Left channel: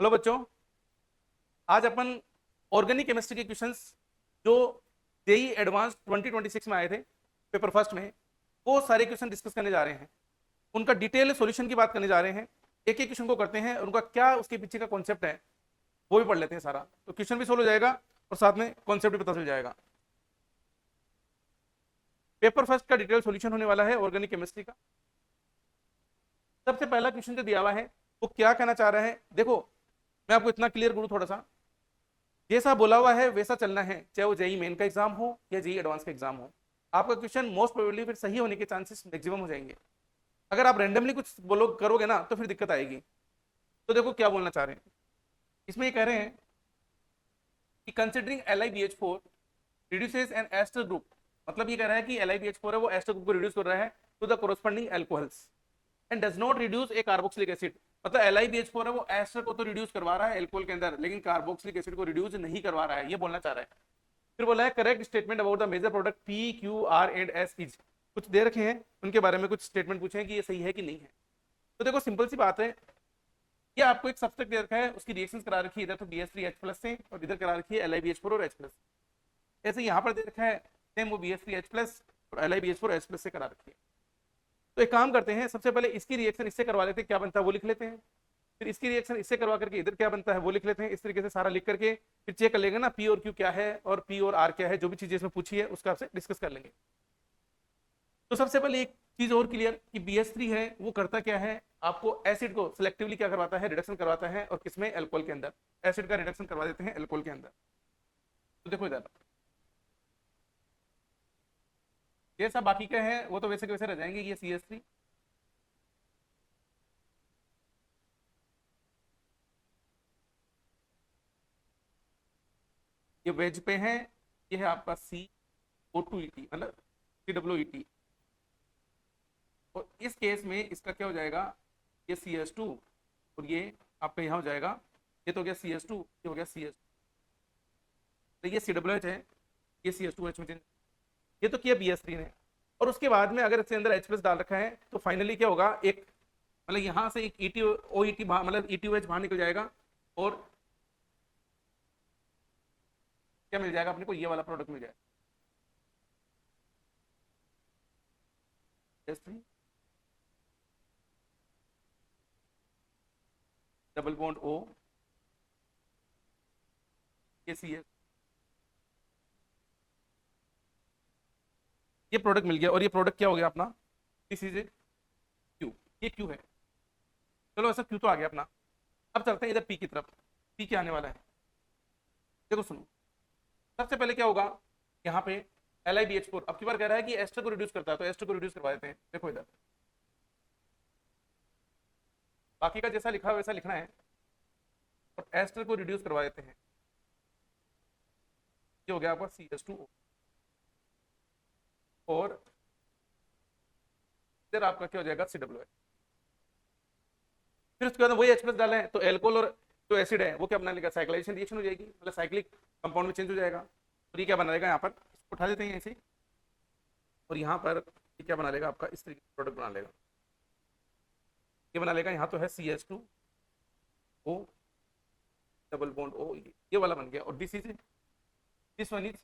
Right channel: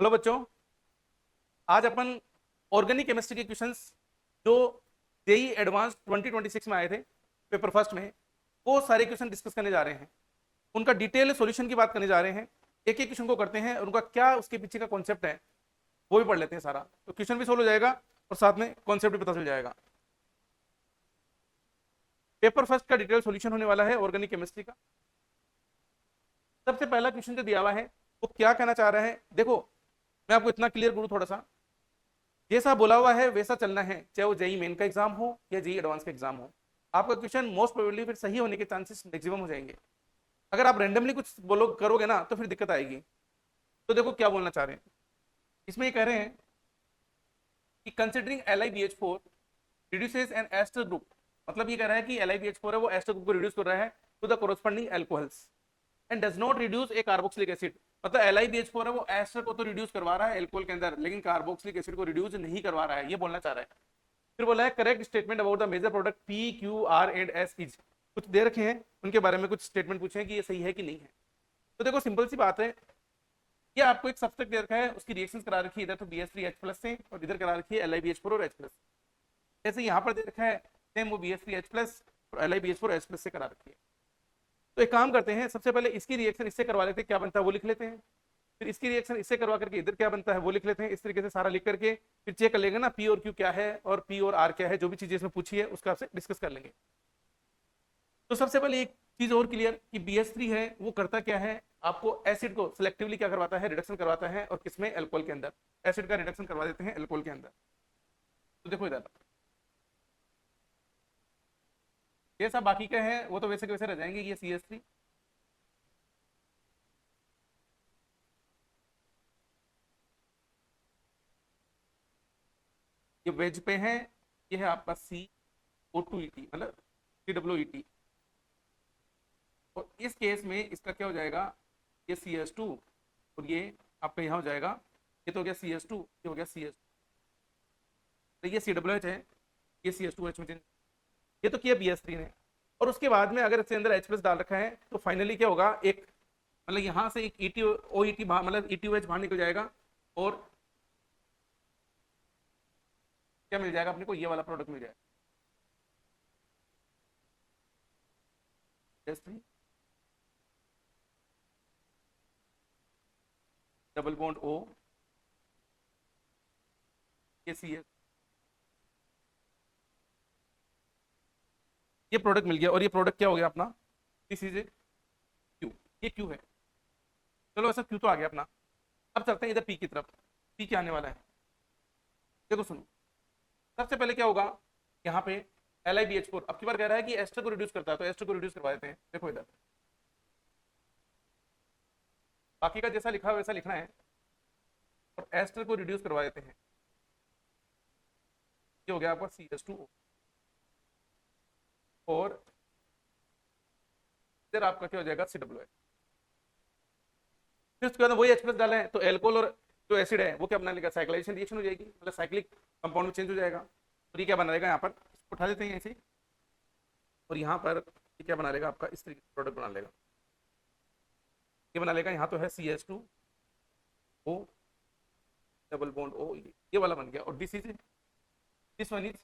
Hello बच्चों, आज अपन organic chemistry के क्वेश्चंस जो जेई एडवांस 2026 में आए थे पेपर फर्स्ट में, वो सारे क्वेश्चन डिस्कस करने जा रहे हैं। उनका डिटेल सॉल्यूशन की बात करने जा रहे हैं। एक एक क्वेश्चन को करते हैं, उनका क्या उसके पीछे का कॉन्सेप्ट है वो भी पढ़ लेते हैं सारा, तो क्वेश्चन भी सोल्व हो जाएगा और साथ में कॉन्सेप्ट भी पता चल जाएगा। पेपर फर्स्ट का डिटेल सॉल्यूशन होने वाला है ऑर्गेनिक केमिस्ट्री का। सबसे पहला क्वेश्चन जो दिया हुआ है वो क्या कहना चाह रहा है, देखो मैं आपको इतना क्लियर करूँ थोड़ा सा। जैसा बोला हुआ है वैसा चलना है, चाहे वो जेई मेन का एग्जाम हो या जेई एडवांस का एग्जाम हो। आपका क्वेश्चन मोस्ट प्रोबेबली फिर सही होने के चांसेस मैक्सिमम हो जाएंगे। अगर आप रैंडमली कुछ बोलो करोगे ना तो फिर दिक्कत आएगी। तो देखो क्या बोलना चाह रहे हैं, इसमें ये कह रहे हैं कि considering LiBH4 reduces an ester group. मतलब ये कह रहा है कि LiBH4 है वो एस्टर ग्रुप को रिड्यूस कर रहा है to the corresponding alcohols and does not reduce a carboxylic acid. मतलब LiBH4 है वो एस्टर को तो रिड्यूस करवा रहा है एल्कोहल के अंदर, लेकिन कार्बोक्सिलिक एसिड को रिड्यूस नहीं करवा रहा है, ये बोलना चाह रहा है। फिर बोला है correct statement about the major product P, Q, R and S is. कुछ दे रखे हैं, उनके बारे में कुछ स्टेटमेंट पूछे हैं कि ये सही है कि नहीं है। तो देखो सिंपल सी बात है, ये आपको एक सब्सटेंस दे रखा है, उसकी रिएक्शंस करा रखी है इधर तो BH3H+ से, और इधर करा रखी है LiBH4 और H+। जैसे यहाँ पर दे रखा है सेम वो BH3H+ और LiBH4H+ से करा रखी है। तो एक काम करते हैं, सबसे पहले इसकी रिएक्शन इससे करवा लेते हैं, क्या बनता है वो लिख लेते हैं। फिर इसकी रिएक्शन इससे करवा करके इधर क्या बनता है वो लिख लेते हैं। इस तरीके से सारा लिख करके फिर चेक कर लेगा ना P और Q क्या है और P और R क्या है, जो भी चीजें इसमें पूछी है उसका आपसे डिस्कस कर लेंगे। तो सबसे पहले एक चीज और क्लियर कि BH3 है वो करता क्या है, आपको एसिड को सिलेक्टिवली क्या करवाता है, रिडक्शन करवाता है, और किसमें, अल्कोहल के अंदर। एसिड का रिडक्शन करवा देते हैं अल्कोहल के अंदर। तो देखो इधर ये सब बाकी का है वो तो वैसे के वैसे रह जाएंगे। ये CH3, ये वेज पे है, ये है आपका CO2ET मतलब CWET। और इस केस में इसका क्या हो जाएगा, ये CH2 और ये आपका यहाँ हो जाएगा, ये तो हो गया CH2, ये हो गया CH। तो ये COOH है, ये CH2H में change, ये तो किया BH3 ने। और उसके बाद में अगर इसके अंदर H+ डाल रखा है तो फाइनली क्या होगा, एक मतलब यहाँ से एक ET बाहर, मतलब ETOH बाहर निकल जाएगा, और क्या मिल जाएगा अपने को, ये वाला प्रोडक्ट मिल जाएगा H3 डबल बॉन्ड O, ये CH, ये प्रोडक्ट मिल गया। और ये प्रोडक्ट क्या हो गया अपना, दिस इज ए Q, ये Q है। चलो ऐसा Q तो आ गया अपना। अब चलते हैं इधर P की तरफ। P क्या आने वाला है, देखो सुनो। सबसे पहले क्या होगा, यहाँ पे LiBH4 अब की बार कह रहा है कि एस्टर को रिड्यूस करता है, तो एस्टर को रिड्यूस करवा देते हैं। देखो इधर बाकी का जैसा लिखा है वैसा लिखा है, एस्टर को रिड्यूस करवा देते हैं। ये हो गया आपका CH2O, और फिर आपका क्या हो जाएगा COOH। फिर उसके बाद वही H+ डाला है तो एल्कोहल और जो एसिड है वो क्या बना लेगा, साइक्लाइजेशन रिएक्शन हो जाएगी, मतलब साइक्लिक कंपाउंड में चेंज हो जाएगा। और ये क्या बना लेगा, यहाँ पर उठा देते हैं ऐसे, और यहाँ पर ये क्या बना लेगा आपका, इस तरीके का प्रोडक्ट बना लेगा। ये बना लेगा, यहाँ तो है CH2O डबल बॉन्ड O, ये वाला बन गया। और दिस वन इज,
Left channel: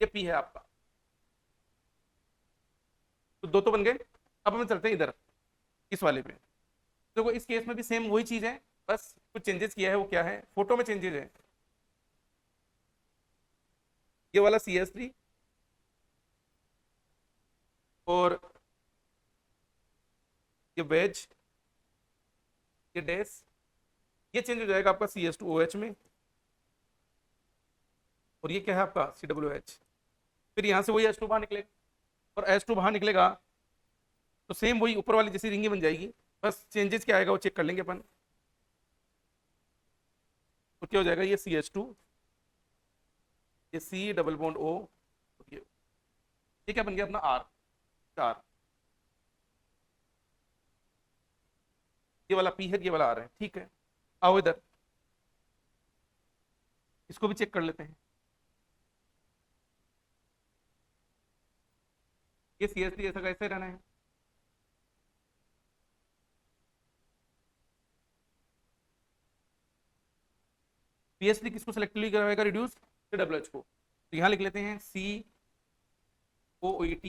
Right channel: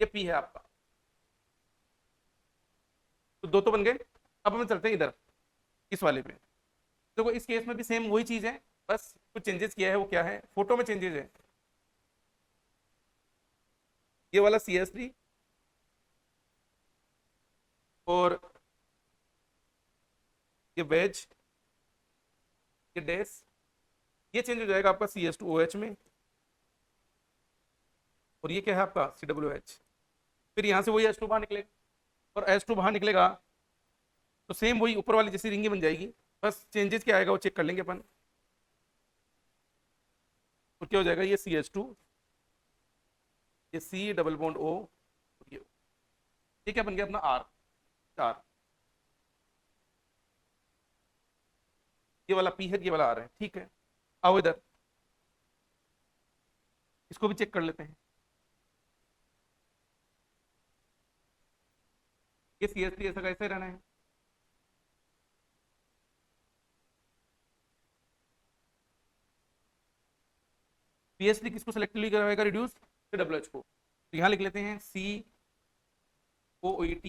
ये P है आपका। तो दो तो बन गए। अब हम चलते हैं इधर इस वाले पे। देखो इस केस में भी सेम वही चीज है, बस कुछ चेंजेस किया है। वो क्या है, फोटो में चेंजेस है। ये वाला CH3 और ये वेज, ये डैश, ये चेंज हो जाएगा आपका CH2OH में। और ये क्या है आपका COOH। फिर यहाँ से वही H2 बाहर निकलेगा, और H2 बाहर निकलेगा तो सेम वही ऊपर वाली जैसी रिंगी बन जाएगी। बस चेंजेस क्या आएगा वो चेक कर लेंगे अपन। तो क्या हो जाएगा, ये CH2, ये C डबल बॉन्ड O, ये क्या बन गया अपना R, चार। ये वाला P है, ये वाला R है, ठीक है। आओ इधर इसको भी चेक कर लेते हैं। ये CH3 ऐसा कैसे रहना है, पीएचडी किसको सेलेक्टिवली कराएगा रिड्यूस, डब्ल्यूएच को। तो यहाँ लिख लेते हैं COOT,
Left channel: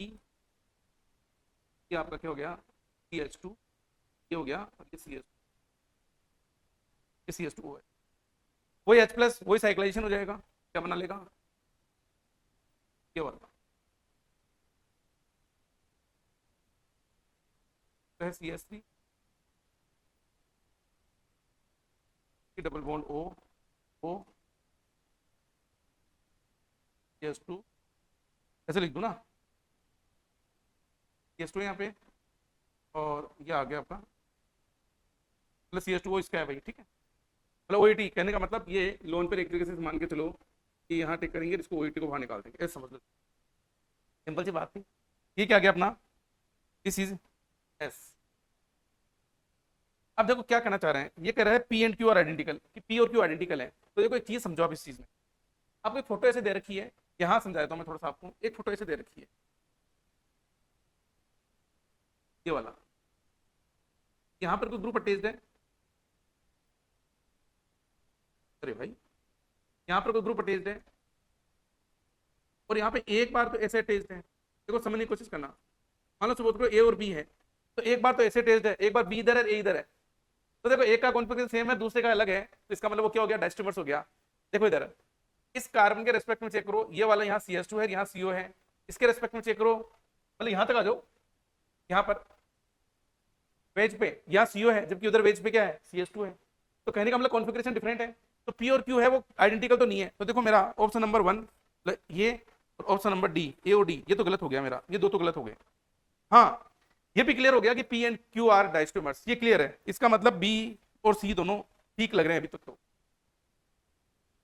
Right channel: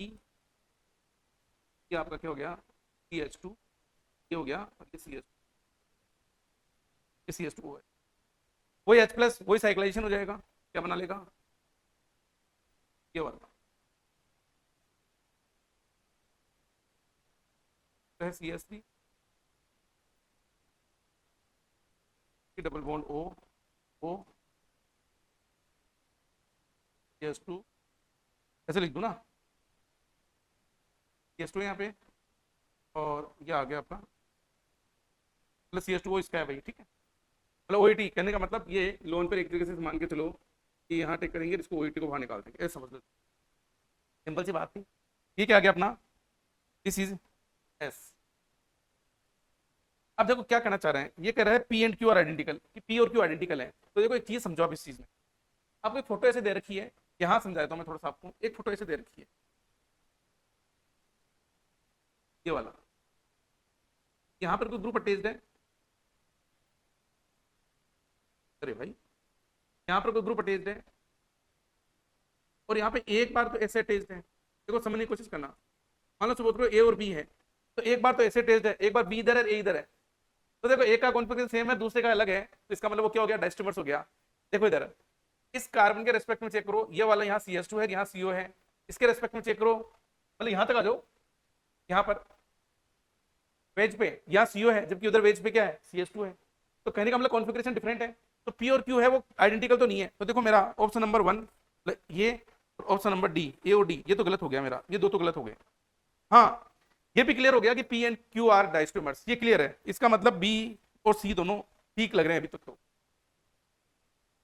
ये आपका क्या हो गया CH2, ये हो गया और ये CH2 है, वही H प्लस वही साइक्लाइजेशन हो जाएगा, क्या बना लेगा ये वाला CH3 double bond O CH2, ऐसे लिख दूं ना CH2 यहाँ पे और ये आ गया आपका प्लस CH2 इसका है भाई, ठीक है। मतलब OET कहने का मतलब ये लोन पर एक तरीके से मान के चलो कि यहाँ टेक करेंगे, इसको OET को बाहर निकाल देंगे, ऐसा समझ लो, सिंपल सी बात थी। ये क्या आ गया अपना, दिस इज S। अब देखो क्या कहना चाह रहा है, ये कह रहे हैं P and Q are identical, कि P और Q आइडेंटिकल है। तो देखो एक चीज समझो आप इस चीज में, आपने फोटो ऐसे दे रखी है, यहाँ समझाता हूँ मैं थोड़ा सा आपको, एक फोटो ऐसे दे रखी है ये वाला, यहाँ पर कोई ग्रुप अटैच्ड है, अरे भाई यहाँ पर कोई ग्रुप अटैच्ड है और यहाँ पे एक बार तो ऐसे अटैच्ड है, देखो समझने की कोशिश करना। मान लो सपोज करो A और B है, तो एक बार तो ऐसे अटैच्ड है, एक बार B इधर है A इधर है, तो देखो एक का कॉन्फिगरेशन सेम है दूसरे का अलग है, तो इसका मतलब वो क्या हो गया, डायस्टेमर्स हो गया। देखो इधर इस कार्बन के रेस्पेक्ट में चेक करो, ये वाला यहाँ CH2 है, यहाँ CO है, इसके रेस्पेक्ट में चेक करो, मतलब यहाँ तक आ जाओ, यहाँ पर वेज पे यहाँ CO है जबकि उधर वेज पे क्या है CH2 है, तो कहने का मतलब कॉन्फिगरेशन डिफरेंट है। तो P और Q है वो आइडेंटिकल तो नहीं है, तो देखो मेरा ऑप्शन नंबर 1 ये, ऑप्शन नंबर D A और D ये तो गलत हो गया मेरा, ये दो तो गलत हो गए। हाँ ये भी क्लियर हो गया कि P एंड Q आर डायस्टेमर्स, ये क्लियर है, इसका मतलब B और C दोनों ठीक लग रहे हैं अभी तक। तो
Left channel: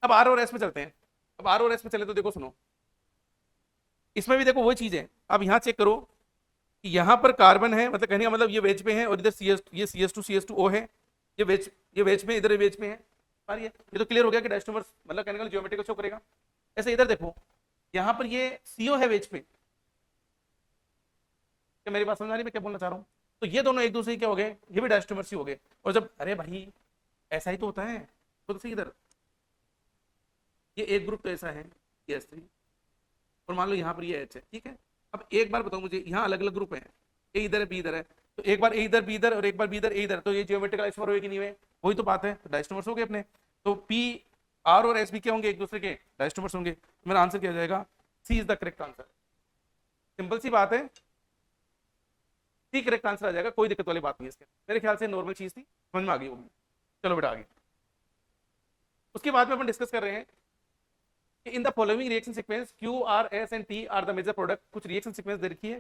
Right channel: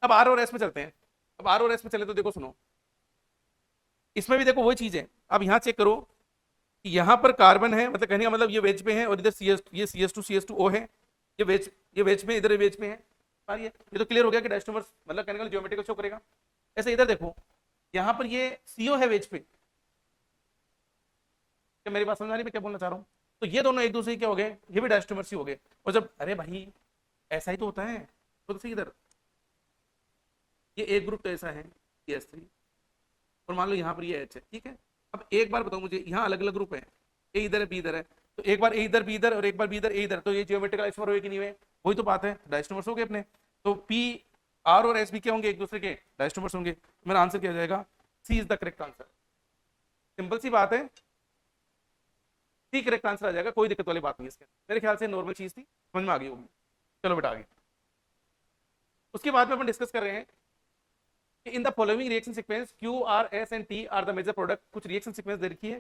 अब R और S पे चलते हैं, अब R और S पे चले तो देखो सुनो, इसमें भी देखो वही चीज है। अब यहाँ चेक करो कि यहाँ पर कार्बन है, मतलब कहने का मतलब ये वेज पे है और इधर ये CH2O है, ये वेज में, इधर वेज में है, ये तो क्लियर हो गया कि डायस्टेमर्स मतलब कहने का ज्योमेट्री को शो करेगा। ऐसे इधर देखो, यहाँ पर ये CO है वेज पे, क्या मेरी बात समझ आ रही है मैं क्या बोलना चाह रहा हूँ। तो ये दोनों एक दूसरे क्या हो गए, ये भी डायस्टेमर्स ही हो गए। और जब अरे भाई ऐसा ही तो होता है, तो इधर ये एक ग्रुप तो ऐसा है CH3 और मान लो यहाँ पर ये H है, ठीक है। अब एक बार बताओ मुझे, यहाँ अलग अलग ग्रुप है, A इधर है B इधर है, तो एक बार A इधर B इधर और एक बार B इधर A इधर, तो ये ज्योमेट्रिकल आइसोमर होगी नहीं है, वही तो बात है, तो डायस्टेमर्स हो गए अपने। तो P R और S भी क्या होंगे, एक दूसरे के डायस्टेमर्स होंगे। मेरा आंसर क्या जाएगा, C is the correct answer. Simple सी बात है, C करेक्ट आंसर आ जाएगा, कोई दिक्कत वाली बात नहीं है इसके, मेरे ख्याल से नॉर्मल चीज थी, समझ में आ गई होगी। चलो बेटा आगे, उसके बाद में अपन डिस्कस कर रहे हैं in the following reaction sequence Q R S and T are the major product. कुछ रिएक्शन सीक्वेंस दे रखी है,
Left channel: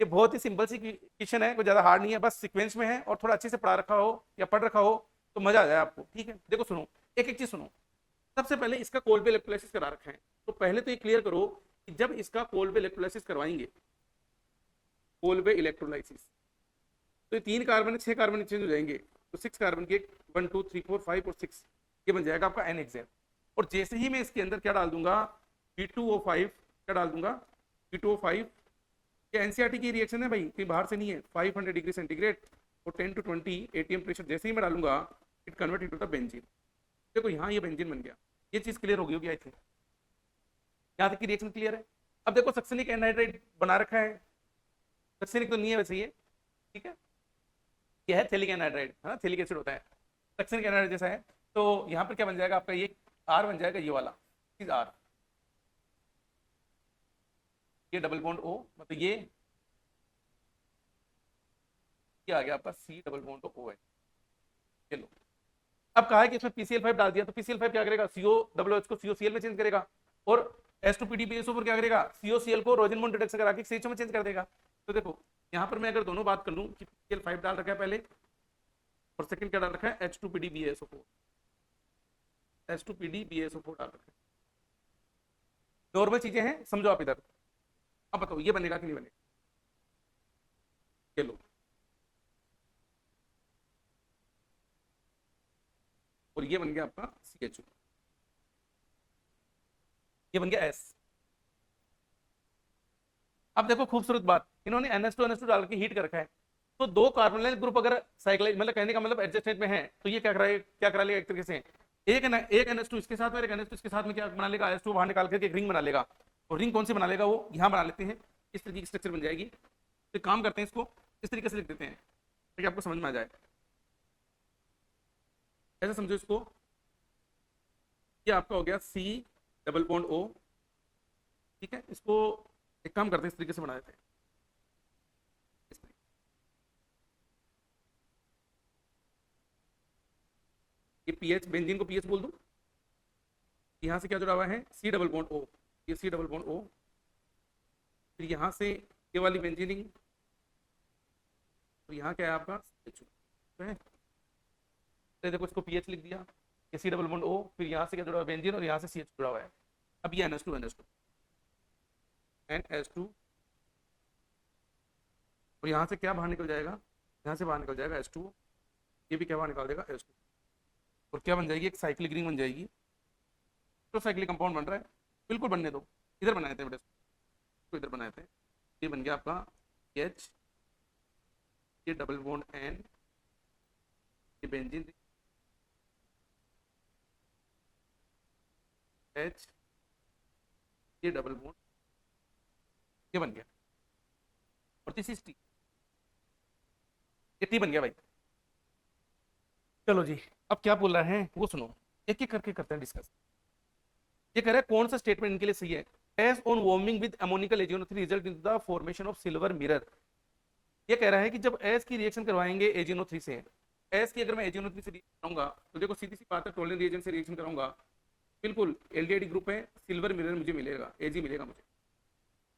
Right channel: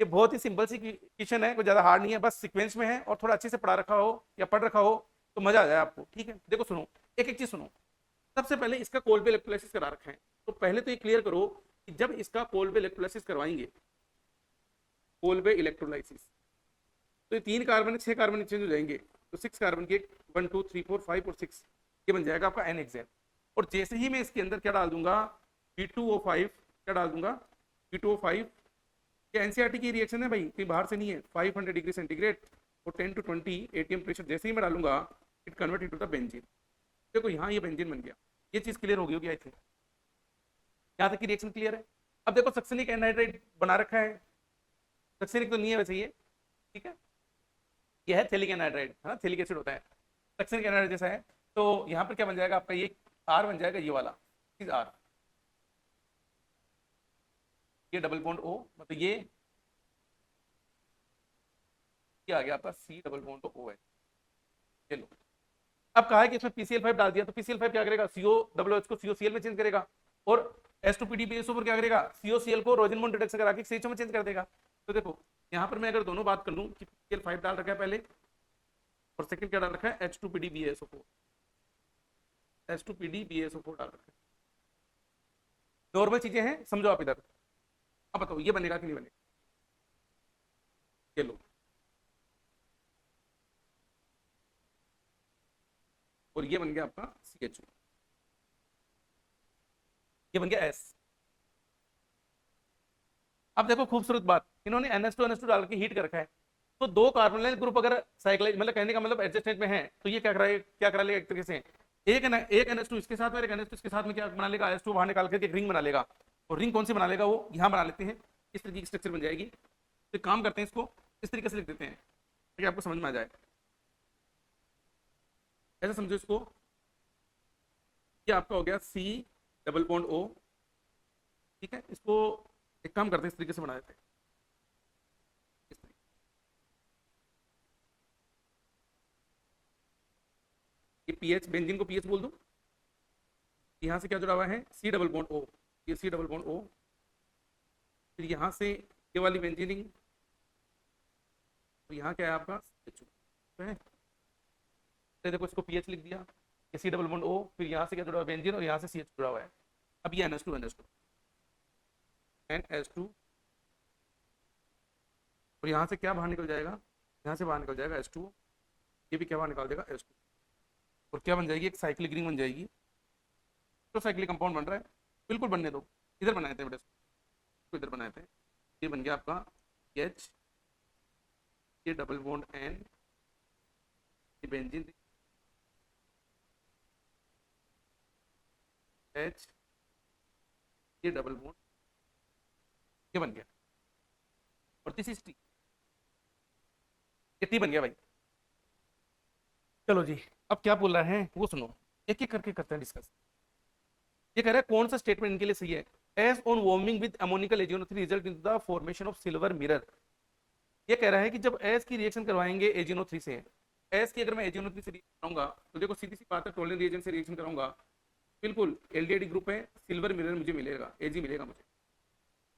ये बहुत ही सिंपल सी क्वेश्चन है, कोई ज्यादा हार्ड नहीं है, बस सीक्वेंस में है और थोड़ा अच्छे से पढ़ा रखा हो या पढ़ रखा हो तो मजा आ जाए आपको, ठीक है। देखो सुनो, एक एक चीज सुनो। सबसे पहले इसका कोलबे इलेक्ट्रोलाइसिस करा रखा है, तो पहले तो ये क्लियर करो कि जब इसका कोलबे इलेक्ट्रोलाइसिस करवाएंगे, कोलबे इलेक्ट्रोलाइसिस, तो 3 कार्बन 6 कार्बन चेंज हो जाएंगे, तो 6 कार्बन के 1 2 3 4 5 और 6 ये बन जाएगा आपका NHCl। और जैसे ही मैं इसके अंदर क्या डाल दूंगा B2O5, क्या डाल दूंगा B2O5, ये एनसीईआरटी की रिएक्शन है भाई, कोई बाहर से नहीं है। 500 डिग्री सेंटीग्रेड और 10 to 20 ATM प्रेशर जैसे ही मैं डालूंगा it convert into the benzene. देखो यहाँ ये बेंजीन बन गया, ये चीज क्लियर हो गई होगी आई थिंक, यहाँ तक की रिएक्शन क्लियर है। अब देखो सक्सेनिक एनहाइड्राइड बना रखा है, सक्सेनिक तो नहीं है वैसे ये, ठीक है, ये है थैलिक एनहाइड्राइड, है ना, थैलिक एसिड होता है, सक्सेनिक एनहाइड्राइड जैसा है। तो यहाँ पर क्या बन जाएगा आपका, ये R बन जाएगा, ये वाला इज R, ये डबल बॉन्ड O, मतलब ये आ गया आपका C डबल बॉन्ड तो O है। चलो अब कहा है कि इसमें PCl5 डाल दिया, तो PCl5 क्या करेगा, COOH को COCl में चेंज करेगा और H2PDBSO पर क्या करेगा, COCl को रोजनमोन डिटेक्शन करा के CHO में चेंज कर देगा। तो देखो यहाँ पर मैं अगर दोनों बात कर लूँ कि PCl5 डाल रखा है पहले और सेकंड क्या डाल रखा है, H2PDBSO4 डाल रखा है। नॉर्मल चीजें हैं, समझो आप इधर। अब बताओ ये बनेगा कि नहीं बनेगा, चलो और ये बन गया आपका CHO, ये बन गया S। अब देखो खूबसूरत बात, इन्होंने NH2 डाल के हीट कर रखा है, तो 2 कार्बोनिल ग्रुप अगर साइक्लाइज मतलब कहने का मतलब एडजस्टमेंट में है, तो ये क्या करा लिया एक तरीके से एक NH2 इसके साथ में, एक NH2 इसके साथ में क्या बना लेगा, H2 बाहर निकाल करके एक रिंग बना लेगा। और रिंग कौन सी बना लेगा, वो यहाँ बना लेते हैं, इस तरीके की स्ट्रक्चर बन जाएगी। तो काम करते हैं, इसको इस तरीके से लिख देते हैं ताकि आपको समझ में आ जाए। ऐसा समझो इसको, ये आपका हो गया C डबल बॉन्ड O, ठीक है। इसको एक काम करते हैं, इस तरीके से बना देते हैं। ये पीएच, बेंजीन को पीएच बोल दो। यहाँ से क्या जुड़ा हुआ है, C डबल बॉन्ड O, ये C डबल बॉन्ड O। फिर यहाँ से ये वाली बेंजीनिंग, तो यहाँ क्या है आपका है? तो देखो इसको पीएच लिख दिया, ये C डबल बॉन्ड O, फिर यहाँ से क्या जुड़ा हुआ है, बेंजीन, और यहाँ से CH जुड़ा हुआ है। अब ये NH2 NH2, और यहाँ से क्या बाहर निकल जाएगा, यहाँ से बाहर निकल जाएगा H2, ये भी क्या बाहर निकाल देगा H2, और क्या बन जाएगी, एक साइक्लिक रिंग बन जाएगी। तो साइक्लिक कंपाउंड बन रहा है, बिल्कुल बनने दो। इधर बनाए थे बेटे, तो इधर बनाए थे, ये बन गया आपका H, ये डबल बॉन्ड N, ये बेंजीन H, ये डबल बॉन्ड, ये बन गया, और दिस इज T, ये T बन गया भाई। चलो जी, अब क्या बोल रहा है वो सुनो, एक एक करके करते हैं डिस्कस। ये कह रहा है कौन सा स्टेटमेंट इनके लिए सही है। As on warming with ammoniacal AgNO3 result in the formation of silver mirror. ये कह रहा है कि जब एस की रिएक्शन करवाएंगे AgNO3 से, एस की अगर मैं AgNO3 से रिएक्शन कराऊंगा तो देखो सीधी सी बात है, टोलरेंट रिएजेंट से रिएक्शन कराऊंगा, बिल्कुल एल्डिहाइड ग्रुप में सिल्वर मिरर मुझे मिलेगा, Ag मिलेगा, मुझे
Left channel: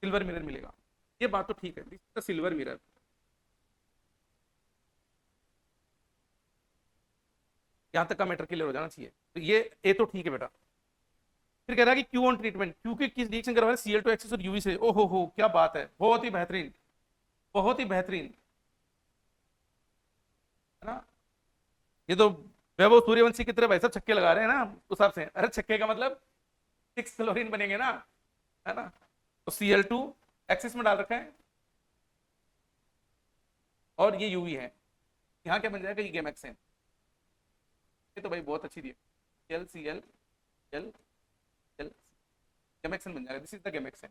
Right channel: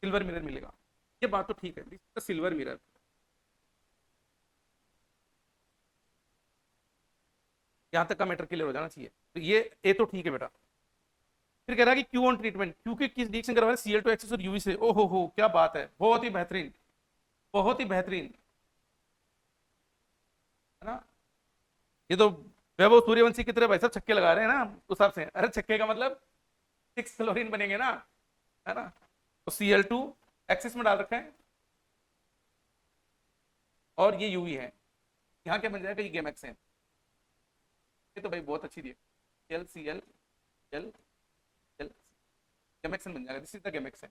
सिल्वर मिरर मिलेगा। ये बात तो ठीक है, सिल्वर मिरर। यहाँ तक का मैटर क्लियर हो जाना चाहिए, तो ये तो ठीक है बेटा। फिर कह रहा है कि क्यू ऑन ट्रीटमेंट, क्योंकि किस रिएक्शन करवा रहे हैं, Cl2 एक्सिस और यूवी से। ओहो हो, क्या बात है, बहुत ही बेहतरीन, बहुत ही बेहतरीन, है ना। ये तो वैभव सूर्यवंशी की तरह भाई साहब छक्के लगा रहे हैं ना उस हिसाब से। अरे छक्के का मतलब 6 क्लोरीन बनेंगे ना, है ना। तो Cl2 एक्सिस में डाल रखा है, और ये यूवी है, यहाँ क्या बन जाएगा, ये गेमेक्सेन। ये तो भाई बहुत अच्छी थी, LCl L गेमेक्सेन बन जाएगा, दिस इज द गेमेक्सेन।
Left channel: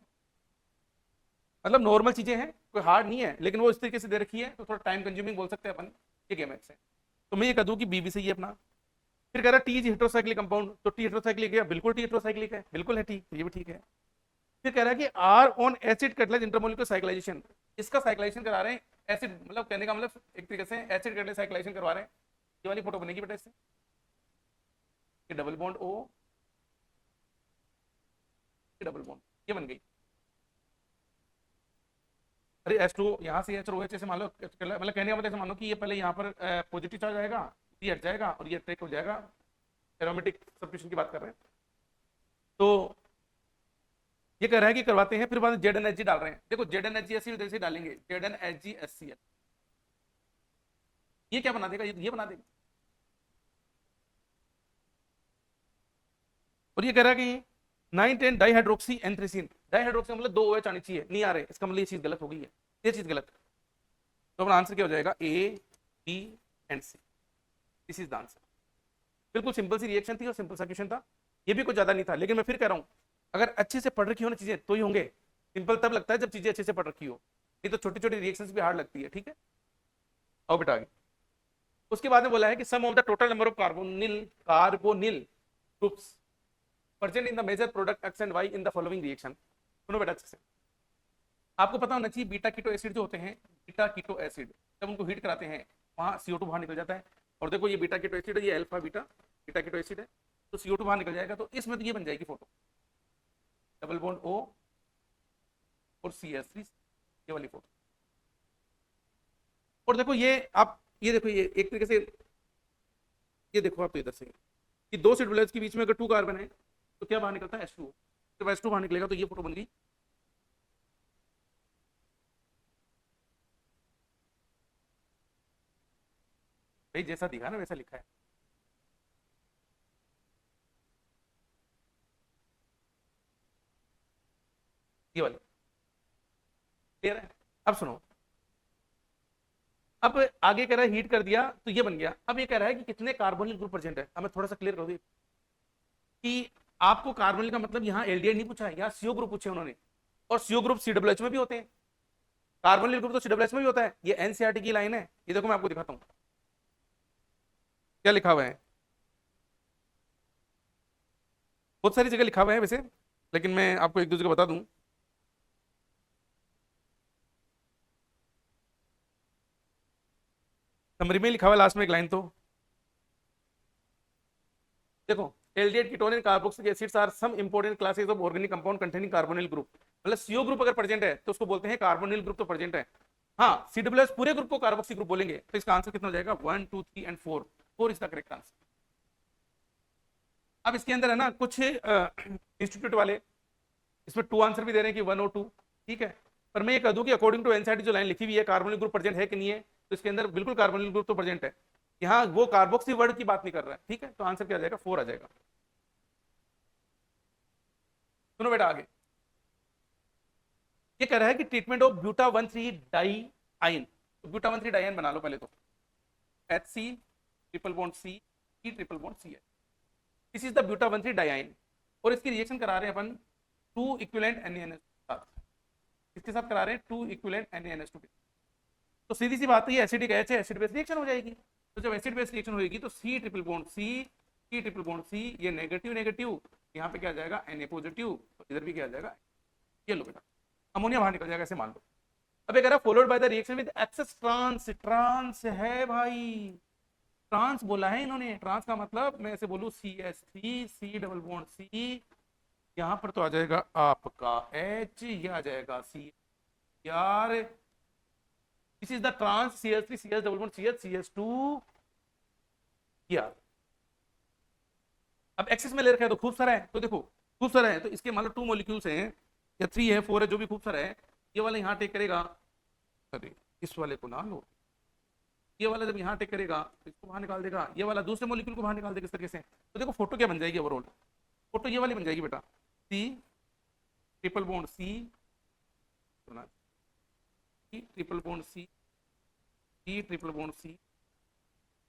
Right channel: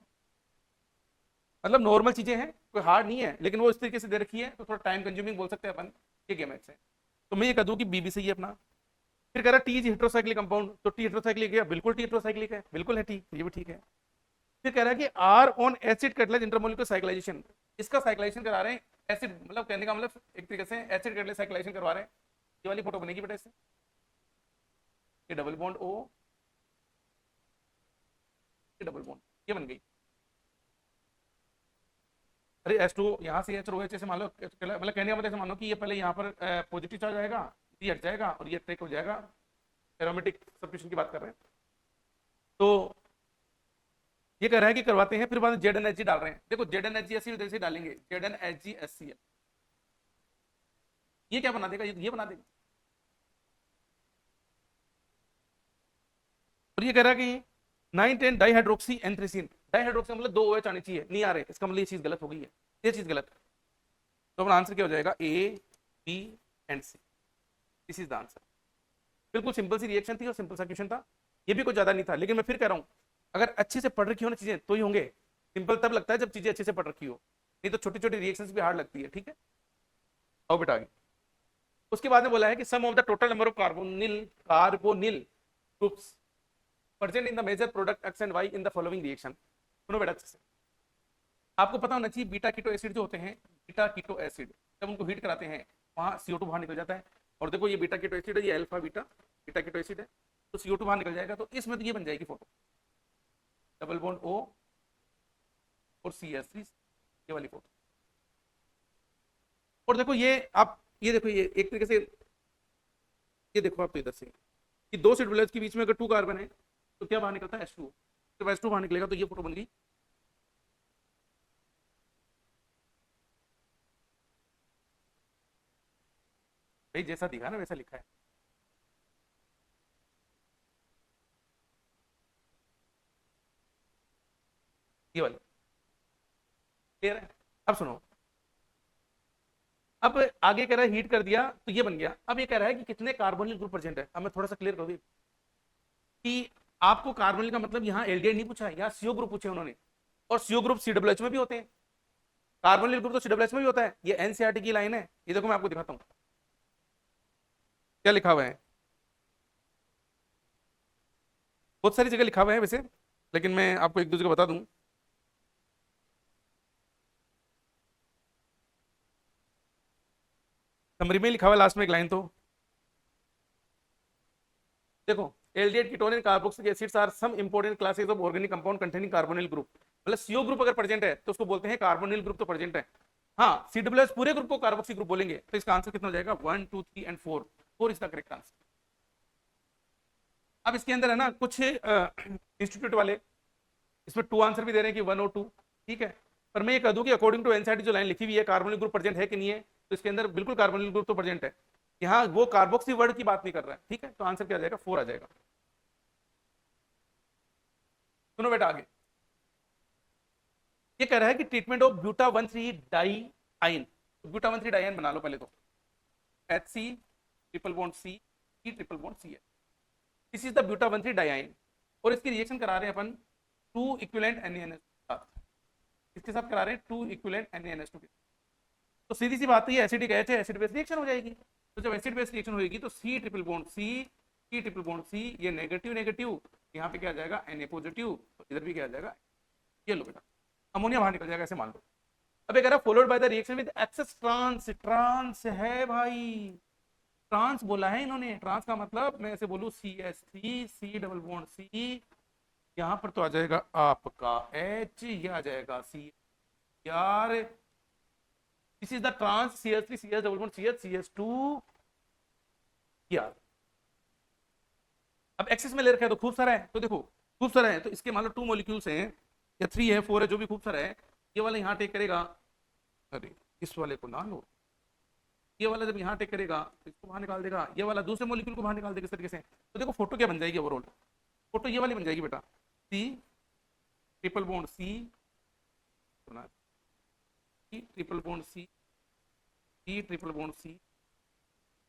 मतलब नॉर्मल चीजें हैं, कोई हार्ड नहीं है, लेकिन वो इस तरीके से दे रखी है तो थोड़ा टाइम कंज्यूमिंग बोल सकते हैं अपन। ये गेमेक्सेन, तो मैं ये कह दूं कि बी भी सही है अपना। फिर कह रहा है टी इज हेटेरोसाइक्लिक कंपाउंड, तो टी हेटेरोसाइक्लिक है, बिल्कुल टी हेटेरोसाइक्लिक है, बिल्कुल है टी, ये भी ठीक है। फिर कह रहा है कि R on acid catalyse intermolecular cyclisation, इसका साइक्लाइजेशन करा रहे हैं एसिड, मतलब कहने का मतलब एक तरीके से एसिड कैटलाइज साइक्लाइजेशन करवा रहे हैं। ये वाली फोटो बनेगी बेटा इससे, ये डबल बॉन्ड O, ये डबल बॉन्ड, ये बन गई। अरे H2 यहाँ से चलो जैसे मान लो, मतलब कहने का मतलब ऐसे मान लो कि ये पहले यहाँ पर पॉजिटिव चार्ज आएगा, ये हट जाएगा और ये अटैक हो जाएगा, एरोमेटिक सब्स्टिट्यूशन की बात कर रहे हैं। तो ये कह रहे हैं कि करवाते हैं, फिर बाद ZnHg डाल रहे हैं। देखो ZnHg जैसे डालेंगे ZnHgHCl, ये क्या बना देगा, ये बना देगा। और ये कह रहा है कि 9-10 डाइहाइड्रोक्सी एंथ्रेसीन, डाइहाइड्रोक्सी मतलब 2 OH आनी चाहिए, नहीं आ रहे, इसका मतलब ये चीज गलत हो गई है, ये चीज गलत है। तो आंसर क्या हो जाएगा, A, B and C, this is the answer. बिल्कुल सिंपल सी रिएक्शन थी और सिंपल सा क्वेश्चन था, ये भी कुछ ज्यादा नहीं था। लेकिन मैं फिर कह रहा हूँ, अगर अच्छे से पढ़ रखी हो ना चीजें तो ही होंगे। सिंपल तब लगता है जब चीजें अच्छे से पढ़ रखी हो, ये तो छोटी छोटी रिएक्शंस भी हार्ड लगती है, ठीक है। आओ बेटा आगे। उसके बाद में बोला है कि sum of the total number of carbonyl groups present in the major product X and Y in the following reaction. सुनो बेटा अच्छे से, आपको पता होना चाहिए बीटा कीटो एसिड जो होते हैं, बीटा कीटो एसिड जब उनको हीट कराते हैं वहां CO2 बाहर निकल जाता है। और देखो ये बीटा कीटो एसिड है, ये alpha beta beta keto acid है, तो CO2 बाहर निकल जाएगा। तो इसमें तो ये बन जाएगी फोटो, डबल बॉन्ड O और CH3, ये वाली फोटो। और देखो ये आप, ये देखो ये एक तरीके से, ये देखो आप तो इधर से कि 2 सेट के बीच में अगर 2 कार्बन है तो क्या बाहर निकलता है, H2। जब H2 बाहर निकलेगा तो ये फोटो बन गई। जैसा दिखा ना वैसा लिखा है। ये वाली क्लियर है। अब सुनो, अब आगे कह रहा है हीट कर दिया तो ये बन गया। अब ये कह रहा है कि कितने कार्बोनिल ग्रुप प्रेजेंट है, अब मैं थोड़ा सा क्लियर कर दूं। कि आपको कार्बोनिल का मतलब यहाँ एल्डिहाइड नहीं पूछा, यहाँ सीओ ग्रुप पूछे उन्होंने, और सीओ ग्रुप सीडब्ल्यूएच में भी होते हैं, कार्बोनिल ग्रुप तो सीडब्ल्यूएच में भी होता है। ये एनसीईआरटी की लाइन है, ये देखो मैं आपको दिखाता हूँ क्या लिखा हुआ है। बहुत सारी जगह लिखा हुआ है वैसे, लेकिन मैं आपको एक दूसरे का बता दूं। समरी में लिखा हुआ है लास्ट में एक लाइन, तो देखो, aldehyde ketone and carboxylic acids are some important classes of organic compound containing carbonyl group. मतलब सीओ ग्रुप अगर प्रेजेंट है तो उसको बोलते हैं कार्बोनिल ग्रुप, तो प्रेजेंट है। हाँ, सीडब्ल्यूएच पूरे ग्रुप को कार्बोक्सी ग्रुप बोलेंगे, तो इसका आंसर कितना हो जाएगा, 1 2 3 and 4, 4 is the correct answer. अब इसके अंदर है ना कुछ इंस्टीट्यूट वाले इसमें 2 आंसर भी दे रहे हैं कि 1 और 2, ठीक है, पर मैं ये कह दूं कि अकॉर्डिंग टू एनसीईआरटी जो लाइन लिखी हुई है कार्बोनिल ग्रुप प्रेजेंट है कि नहीं है, तो इसके अंदर बिल्कुल कार्बोनिल ग्रुप तो प्रेजेंट है। यहाँ वो कार्बोक्सी वर्ड की बात नहीं कर रहा है, ठीक है, तो आंसर क्या आ जाएगा, 4 आ जाएगा। सुनो बेटा आगे, ये कह रहा है कि treatment of buta 1,3 diyne, तो ब्यूटा 1,3 डाई आयन बना लो पहले तो, HC triple bond C, E triple bond C है, this is the buta 1,3 diyne, और इसकी रिएक्शन करा रहे हैं अपन 2 इक्विवेलेंट NaNH के साथ, इसके साथ करा रहे हैं 2 इक्विवेलेंट NaNH2, तो सीधी सी बात है एसिडिक एच है, एसिड बेस रिएक्शन हो जाएगी, तो जब एसिड बेस रिएक्शन होगी तो C triple bond C, C triple bond C, ये नेगेटिव नेगेटिव, यहाँ पे क्या आ जाएगा Na पॉजिटिव, तो इधर भी क्या आ जाएगा, ये लो बेटा, अमोनिया बाहर निकल जाएगा, ऐसे मान लो। अब ये कह रहा followed by the reaction with excess trans, trans है भाई, ट्रांस बोला है इन्होंने, ट्रांस का मतलब मैं ऐसे बोलूं CH3 C double bond C, यहाँ पर तो आ जाएगा आपका H, ये आ जाएगा C यार, this is the trans CH3 CH double bond CH CH2 यार। अब एक्सेस में ले रखा है तो खूब सारा है, तो देखो खूब सारा है, तो इसके मतलब 2 मॉलिक्यूल्स हैं या 3 है 4 है, जो भी खूब सारा है, ये वाला यहाँ टेक करेगा, इस वाले को ना लो, ये वाला जब यहाँ टेक करेगा तो इसको बाहर निकाल देगा, ये वाला दूसरे मॉलिक्यूल को बाहर निकाल देगा इस तरीके से, तो देखो फोटो क्या बन जाएगी ओवरऑल, फोटो ये वाली बन जाएगी बेटा, C triple bond C, C triple bond C, C triple bond C,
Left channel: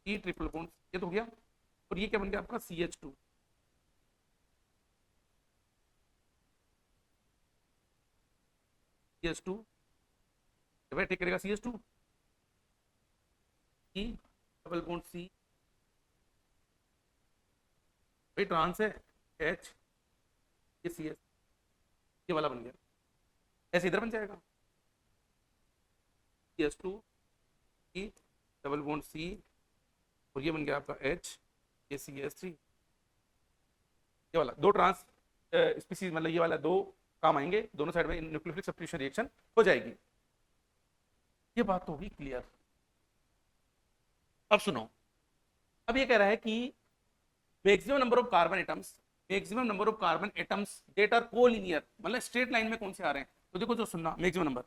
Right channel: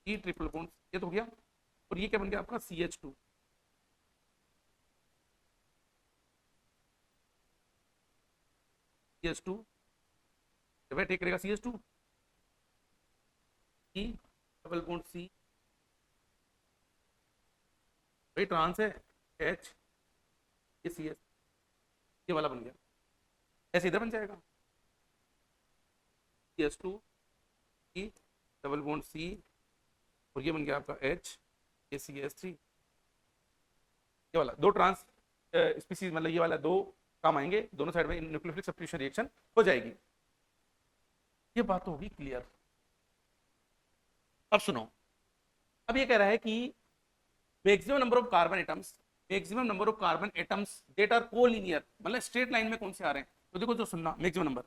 C triple bond, ये तो हो गया, और ये क्या बन गया आपका CH2, CH2 जब टेक करेगा CH2, C double bond C, भाई ट्रांस है H, ये CS, ये वाला बन गया, ऐसे इधर बन जाएगा CH2 C double bond C, और ये बन गया आपका H, ये CH3, ये वाला दो ट्रांस स्पीसीज, मतलब ये वाला दो काम आएंगे, दोनों साइड में न्यूक्लियोफिलिक सब्स्टिट्यूशन रिएक्शन हो जाएगी। ये बात तो होगी क्लियर। अब सुनो, अब ये कह रहा है कि maximum number of carbon atoms, maximum number of carbon atoms that are collinear, मतलब स्ट्रेट लाइन में कौन से आ रहे हैं, तो देखो जो सुनना मैक्सिमम नंबर,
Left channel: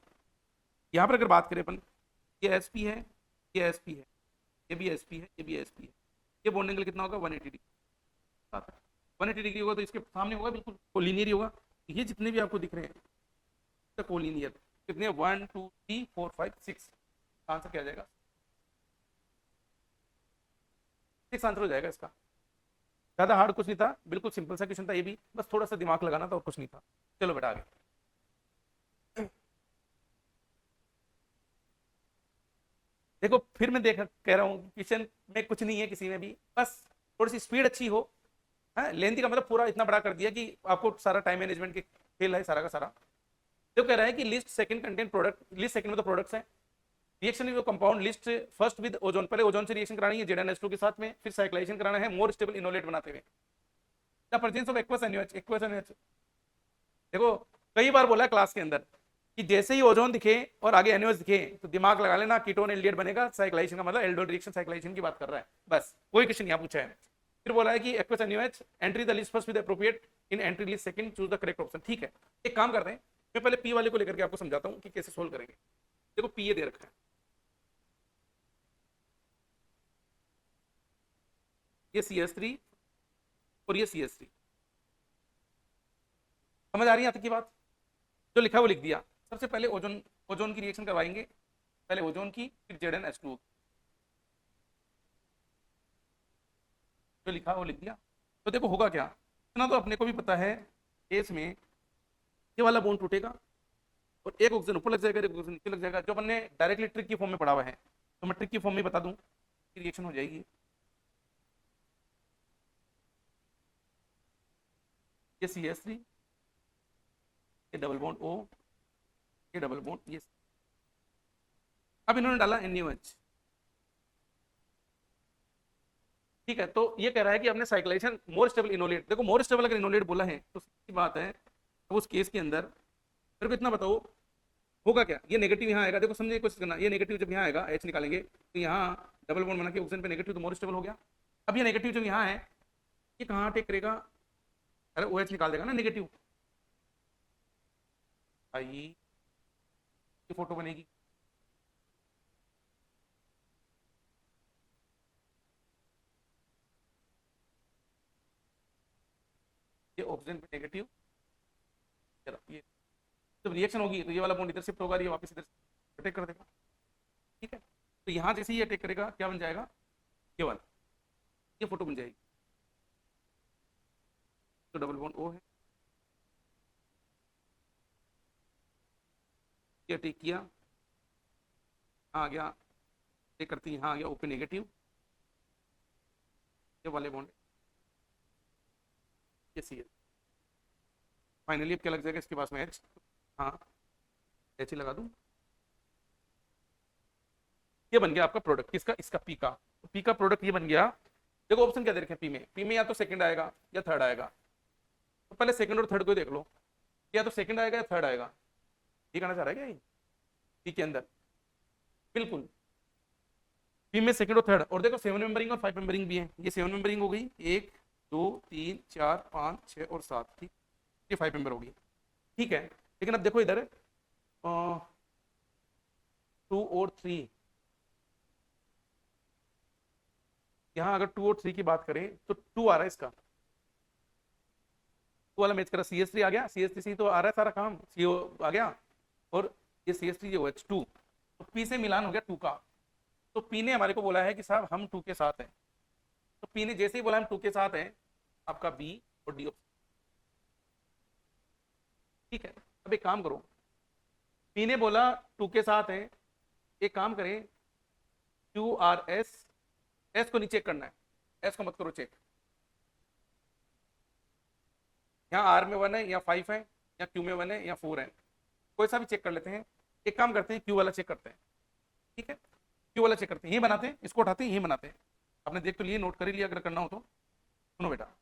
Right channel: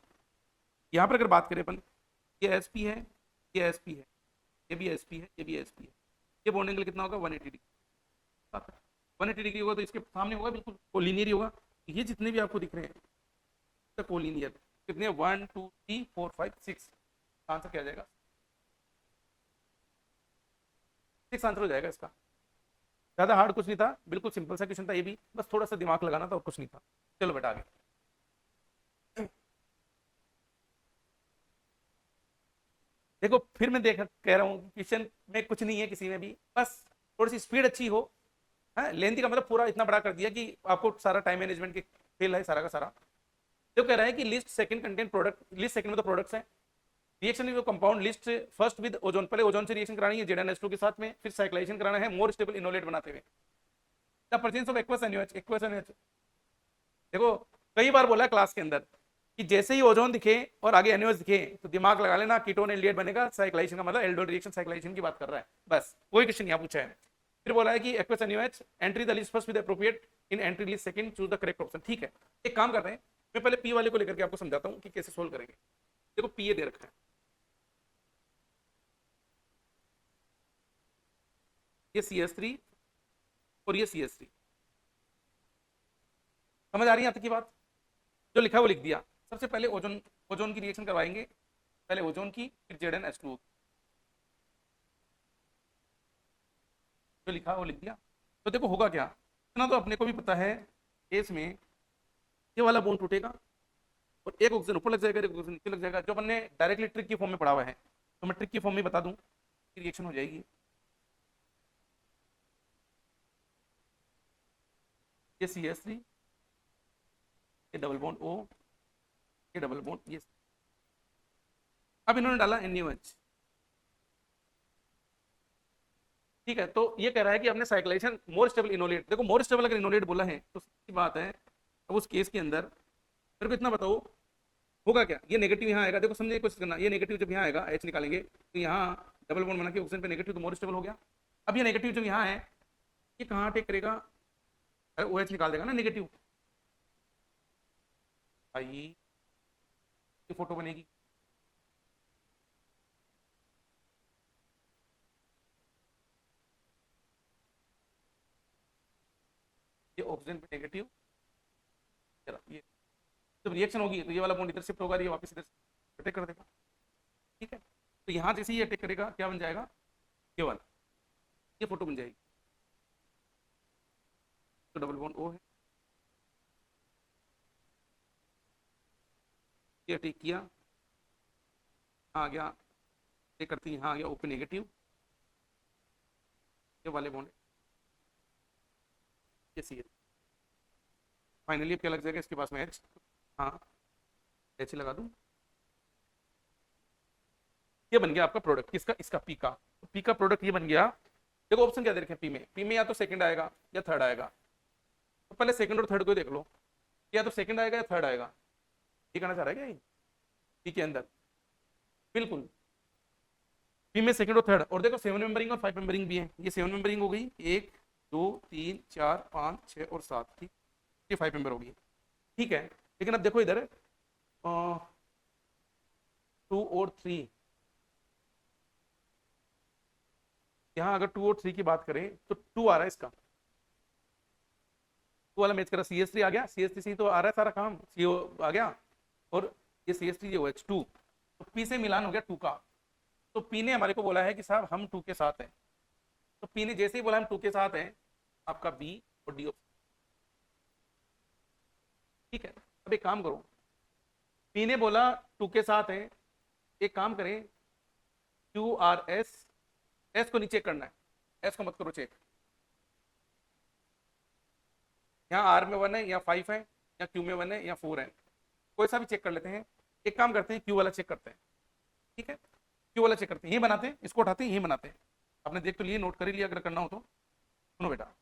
यहाँ पर अगर बात करें अपन, ये sp है, ये sp है, ये भी sp है, ये भी sp है, ये बॉन्ड एंगल कितना होगा 180 डिग्री, 180 डिग्री होगा, तो इसके सामने होगा बिल्कुल कोलिनियर ही होगा, ये जितने भी आपको दिख रहे हैं कोलिनियर, कितने 1 2 3 4 5 6, आंसर क्या आ जाएगा 6 आंसर हो जाएगा इसका, ज्यादा हार्ड कुछ नहीं था, बिल्कुल सिंपल सा क्वेश्चन था ये भी, बस थोड़ा सा दिमाग लगाना था और कुछ नहीं था। चलो बेटा आगे, देखो फिर मैं देख कह रहा हूँ क्वेश्चन में कुछ नहीं है किसी में भी, बस थोड़ी सी स्पीड अच्छी हो, है लेंथी का मतलब पूरा इतना बड़ा कर दिया कि आपको सारा टाइम मैनेजमेंट की खेल है सारा का सारा। जो कह रहा है कि list second content product, list second मतलब प्रोडक्ट्स है, reaction in compound list first with ozone, पहले ओजोन से रिएक्शन करानी है ZnH2 के साथ में, फिर साइक्लाइजेशन कराना है मोर स्टेबल इनोलेट बनाते हुए, the presence of aqueous NaOH, aqueous NaOH। देखो कई बार बोला है क्लास के अंदर कि जैसे ही ओजोन दिखे और आगे NaOH दिखे तो दिमाग लगा लेना कीटोन एल्डिहाइड बनेगा, साइक्लाइजेशन का मतलब एल्डोन रिएक्शन साइक्लाइजेशन की बात कर रहा है, बस कोई क्वेश्चन यहाँ पूछा है। फिर बोला है कि aqueous NaOH entry the list first with appropriate, in entry list second choose the correct option, ठीक है। एक काम कर रहे हैं, मैं पहले पी वाले को लेकर के आपको समझाता हूँ कि कैसे सोल्व करेंगे। देखो पी ये दे रखा है, ये CH3 और ये CH3, समझ आ रही है आपकी बात, जो लिखा है वो लिख दिया। सबसे पहले ओजोन, ओजोन की रिएक्शन करवाएंगे, पहले ओजोन की फिर ZnH2, जो लिखा वो लिख दिया। तो देखो होगा क्या, इतना तो अपने को भी पता है, केस में ये वाला बॉन्ड टूटेगा और एक ऑक्सीजन ऊपर लग जाएगा, एक ऑक्सीजन नीचे लग जाएगा। जो हमने डायरेक्टली ट्रिक की फॉर्म में पढ़ा हुआ है, तो मैं ट्रिक की फॉर्म में बता दूं, रिएक्शन हो जाएगी। ये CH3, ये डबल बॉन्ड O, ये डबल बॉन्ड ये। अब इन्होंने डाला NaOH, ठीक है। तो ये कह रहा है कि हमने साइक्लाइजेशन मोर स्टेबल इनोलेट, देखो मोर स्टेबल अगर इनोलेट बोला है तो सीधी बात है। अब उस केस के अंदर सिर्फ इतना बताओ होगा क्या, ये नेगेटिव यहाँ आएगा, देखो समझे कोशिश करना, ये नेगेटिव जब यहाँ आएगा H निकालेंगे तो यहाँ डबल बॉन्ड बना के ऑक्सीजन पे नेगेटिव, तो मोर स्टेबल हो गया। अब ये नेगेटिव जब यहाँ है, ये कहाँ टेक करेगा, अरे OH निकाल देगा ना नेगेटिव, आई ये फोटो बनेगी। ये ऑक्सीजन पे नेगेटिव, ये जब रिएक्शन होगी तो ये वाला बॉन्ड इधर शिफ्ट होगा, ये वापस इधर अटैक कर देगा, ठीक है। तो यहाँ जैसे ये अटैक करेगा क्या बन जाएगा, ये वाला, ये फोटो बन जाएगी। तो डबल बॉन्ड O है, ये अटैक किया, आ गया अटैक करती है, यहाँ आ गया O पे नेगेटिव, ये वाले बॉन्ड ये सी है। फाइनली क्या लग जाएगा इसके पास में H, हाँ H ही लगा दूँ। ये बन गया आपका प्रोडक्ट, किसका, इसका पी का। तो पी का प्रोडक्ट ये बन गया। देखो ऑप्शन क्या दे रखे पी में, पी में या तो सेकंड आएगा या थर्ड आएगा। तो पहले सेकंड और थर्ड को देख लो, या तो सेकंड आएगा या थर्ड आएगा। ये कहना चाह रहा है क्या, ये पी के अंदर बिल्कुल पी में सेकंड और थर्ड। और देखो 7 मेंबरिंग और 5 मेंबरिंग भी है, ये 7 मेंबरिंग हो गई, 1 2 3 4 5 6 और 7, ठीक, ये 5 मेंबर हो गई, ठीक है। लेकिन अब देखो इधर 2 और 3, यहाँ अगर 2 और 3 की बात करें तो 2 आ रहा है इसका, 2 वाला मैच करा, CH3 आ गया, CH3 तो आ रहा है सारा काम, CO आ गया, और ये CH3 जो OH2, तो P से मिलान हो गया 2 का। तो P ने हमारे को बोला है कि सर हम 2 के साथ हैं, तो P ने जैसे ही बोला हम 2 के साथ हैं, आपका B और D, ठीक है। अब एक काम करो, P ने बोला 2 के साथ है, एक काम करें QRS, S को नीचे करना है, S को मत करो चेक, यहाँ R में 1 है या 5 है या Q में 1 है या 4 है, कोई सा भी चेक कर लेते हैं। एक काम करते हैं Q वाला चेक करते हैं, ठीक है, Q वाला चेक करते हैं, ये बनाते हैं, इसको उठाते हैं, ये बनाते हैं। आपने देख तो लिए, नोट कर ही लिया, अगर करना हो तो सुनो बेटा।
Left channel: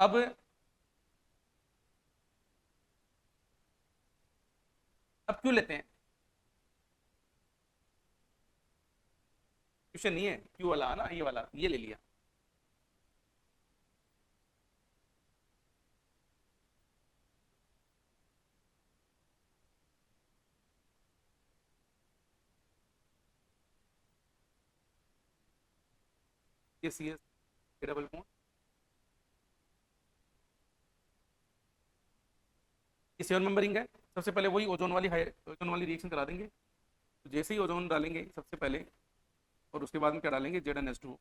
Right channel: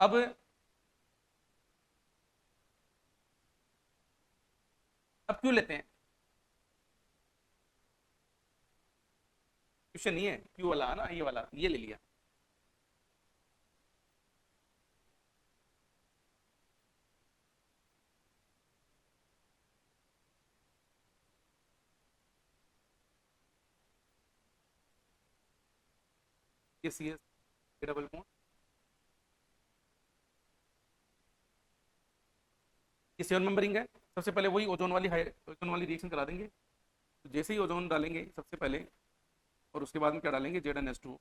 अब क्यों लेते हैं, क्वेश्चन ये है, Q वाला ना, ये वाला ये ले लिया, ये CS डबल में, ये 7 नंबरिंग है। सबसे पहले वही ओजोन वाली रिएक्शन करा देंगे। तो जैसे ही ओजोन डालेंगे सबसे पहले, और उसके बाद में क्या डालेंगे, ZnH2।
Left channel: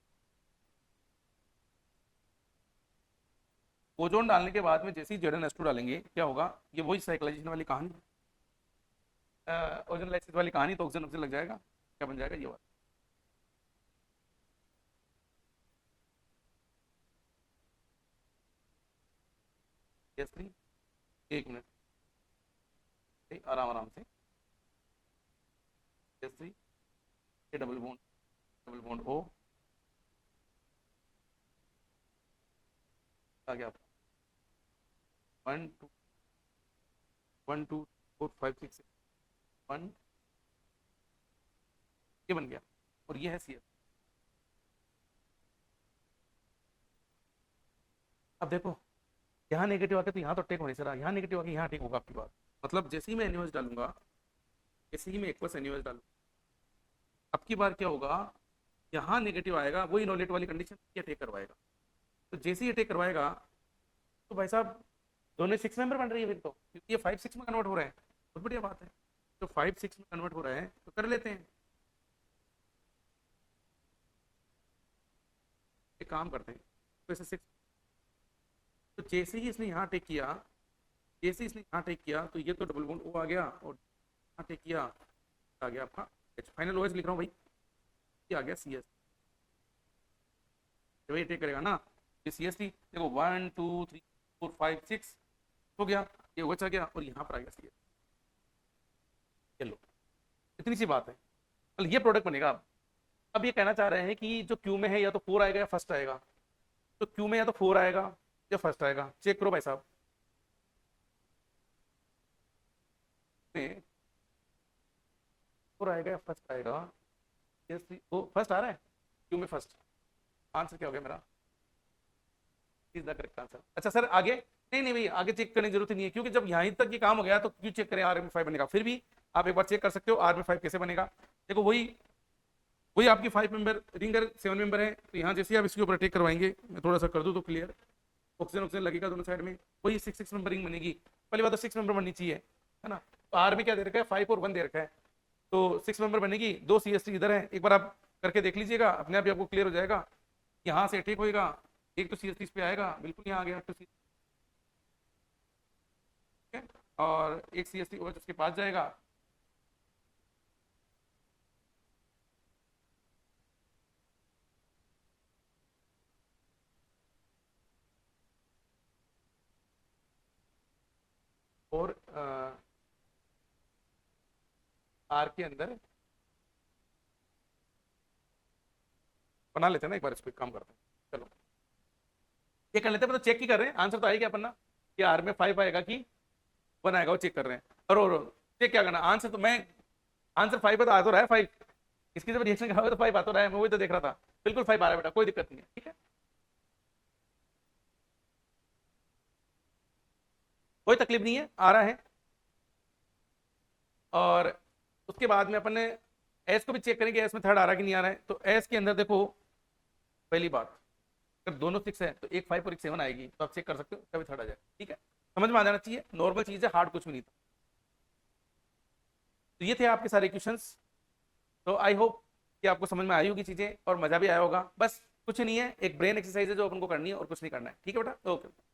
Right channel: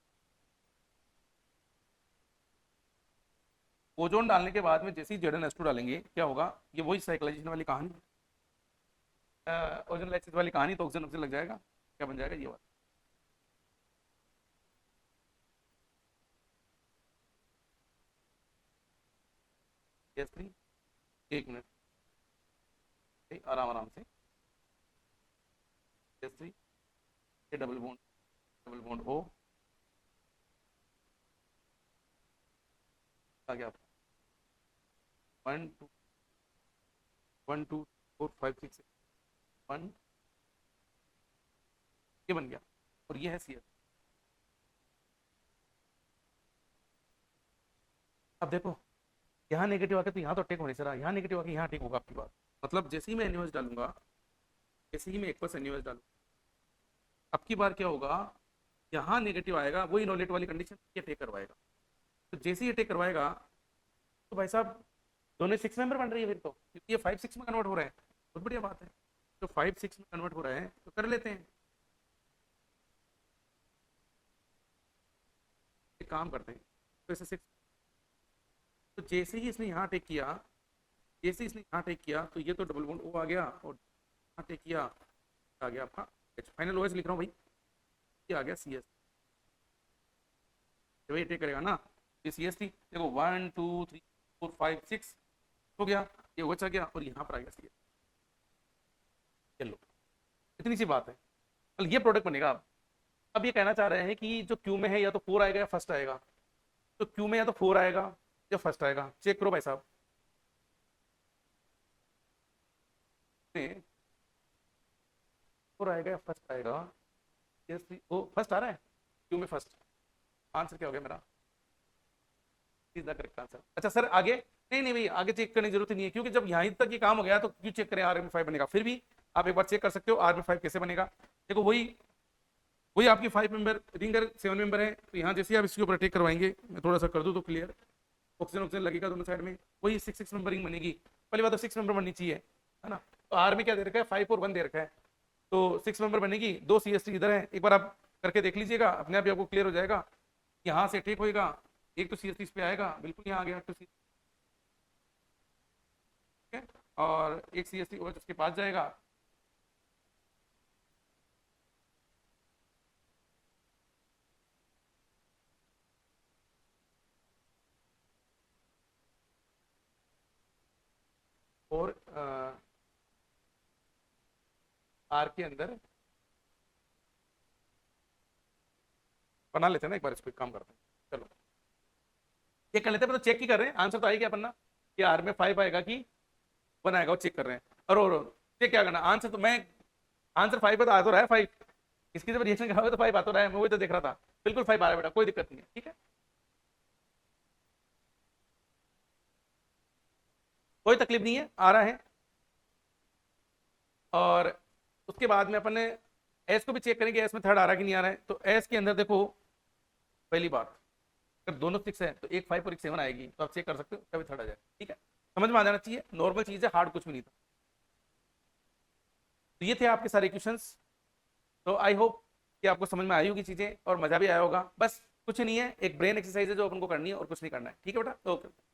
ओजोन डालने के बाद में जैसे ही ZnH2 डालेंगे क्या होगा, ये वही साइक्लाइजेशन वाली कहानी, ओजोन लाइसिस वाली कहानी। तो ऑक्सीजन ऑक्सीजन लग जाएगा, क्या बन जाएगा, ये बात। एक मिनट, आराम आराम से, जैसे ये डबल बॉन्ड O आ गया, 1 2 1 2 4 5 6 1, ये बन गया, और ये है CS। अब देखो यहाँ नेगेटिव आके तो यहाँ तो अटैक हो रही है, यहाँ नेगेटिव आके यहाँ अटैक होगा आपकी बात। मतलब जैसे ही मैं NaOH डालूंगा, जैसे ही मैं एक NaOH डालूंगा, अब की बार क्या होगा, यहाँ नेगेटिव आएगा, वही इनोलेट वाली कंडीशन ये अटैक करवाएगा। तो जैसे ही अटैक करवाएगा तो भाई साहब दोनों 6 मेंबर बन रही है फिर तो, क्योंकि ये 5 6 में कन्वर्ट हो रहा है, बहुत बढ़िया बात है। तो 5 6 में कन्वर्ट हो रहा है तो कर लेते हैं। काम करते हैं तो इसे 6, तो जैसे ही इसने यहाँ टेक किया, जैसे इसने यहाँ टेक किया तो ये तो डबल बॉन्ड ओ आ गया, और यहाँ टेक किया आ गया आपका फाइनल ओएस लिख रहा हूँ भाई, ये आ गया सी एस, जब ये टेक करेगा ना ये सी एस टी, देखो 1 2 3 4 5 6 हो गया, ये OH आ गया और यहाँ पर आएगा सी एस। चलो इतनी सी बात है, मतलब ये प्रोडक्ट बनेगा। अब ये कहना चाह रहे हैं कि जो क्यू में है या तो 4 आएगा या फर्स्ट आएगा, तो क्यू में या तो 4 आएगा या फर्स्ट आएगा, चेक करो भाई साहब। 4 आएगा या फर्स्ट आएगा, फर्स्ट आ रहा है, क्यू में फर्स्ट, आंसर क्या हो गया मेरा, इज द करेक्ट आंसर। अच्छा सर आगे, नहीं नहीं भैया आगे चेक करने की जरूरत नहीं है, क्योंकि जब यहाँ तक ये काम हो गया तो क्यों चेक करें आर में 5 बनेगा, फिर भी आप एक बार चेक कर सकते हो आर में 5 कैसे बनेगा। देखो वही वही आपकी 5 मेंबर रिंगर 7 मेंबर है, तो यहाँ जैसे आप इसके ऊपर टेक करवाएंगे, मैं थोड़ा सा कर दूँ तो क्लियर, ऑक्सीजन ऑक्सीजन लगेगा दोनों साइड में, वही 6 मेंबर रिंग बनेगी। पहली बात तो 6 मेंबर बननी चाहिए, है ना, तो आर में क्या दे रखा है 5 और 1 दे रखा है, तो 6 मेंबर बनेगी, 2 CST इधर है, एक बार आप करके देख लीजिएगा, अपने आप आपको क्लियर हो जाएगा। यहाँ से ठीक होएगा, एक तो CST इस पे आएगा, बिल्कुल यहाँ आ गया तो और एक CST OH इसके पास जाएगा, और आर के अंदर बना लेते हैं ना, एक बार इस पर काम करते हैं। चलो ये कर लेते हैं, चेक ही कर रहे हैं, आंसर तो आएगा अपना कि आर में 5 आएगा कि 1 आएगा, वो चेक कर रहे हैं। और चेक क्या करना, आंसर तो मैं आंसर 5 आ तो रहा है 5, इसके जब रिएक्शन क्या तो 5 आ तो रहा है, मैं वही तो देख रहा था, बिल्कुल 5 आ रहा है बेटा, कोई दिक्कत नहीं है, ठीक है, कोई तकलीफ नहीं है, आ रहा है। और उसके बाद में अपन ने एस को भी चेक करेंगे, एस में थर्ड आ रहा है कि नहीं आ रहा है, तो एस के अंदर देखो पहली बात, जब दोनों 6 है तो एक 5 और एक 7 आएगी, तो आप चेक कर सकते हो कभी थर्ड आ जाए, ठीक है, समझ में आ जाना चाहिए, नॉर्मल चीज है, हार्ड कुछ भी नहीं था। तो ये थे आपके सारे क्वेश्चंस, तो आई होप कि आपको समझ में आई होगी चीजें और मजा भी आया होगा, बस कुछ नहीं है, एक ब्रेन एक्सरसाइज है जो अपन को करनी है और कुछ नहीं करना है, ठीक है बेटा, ओके।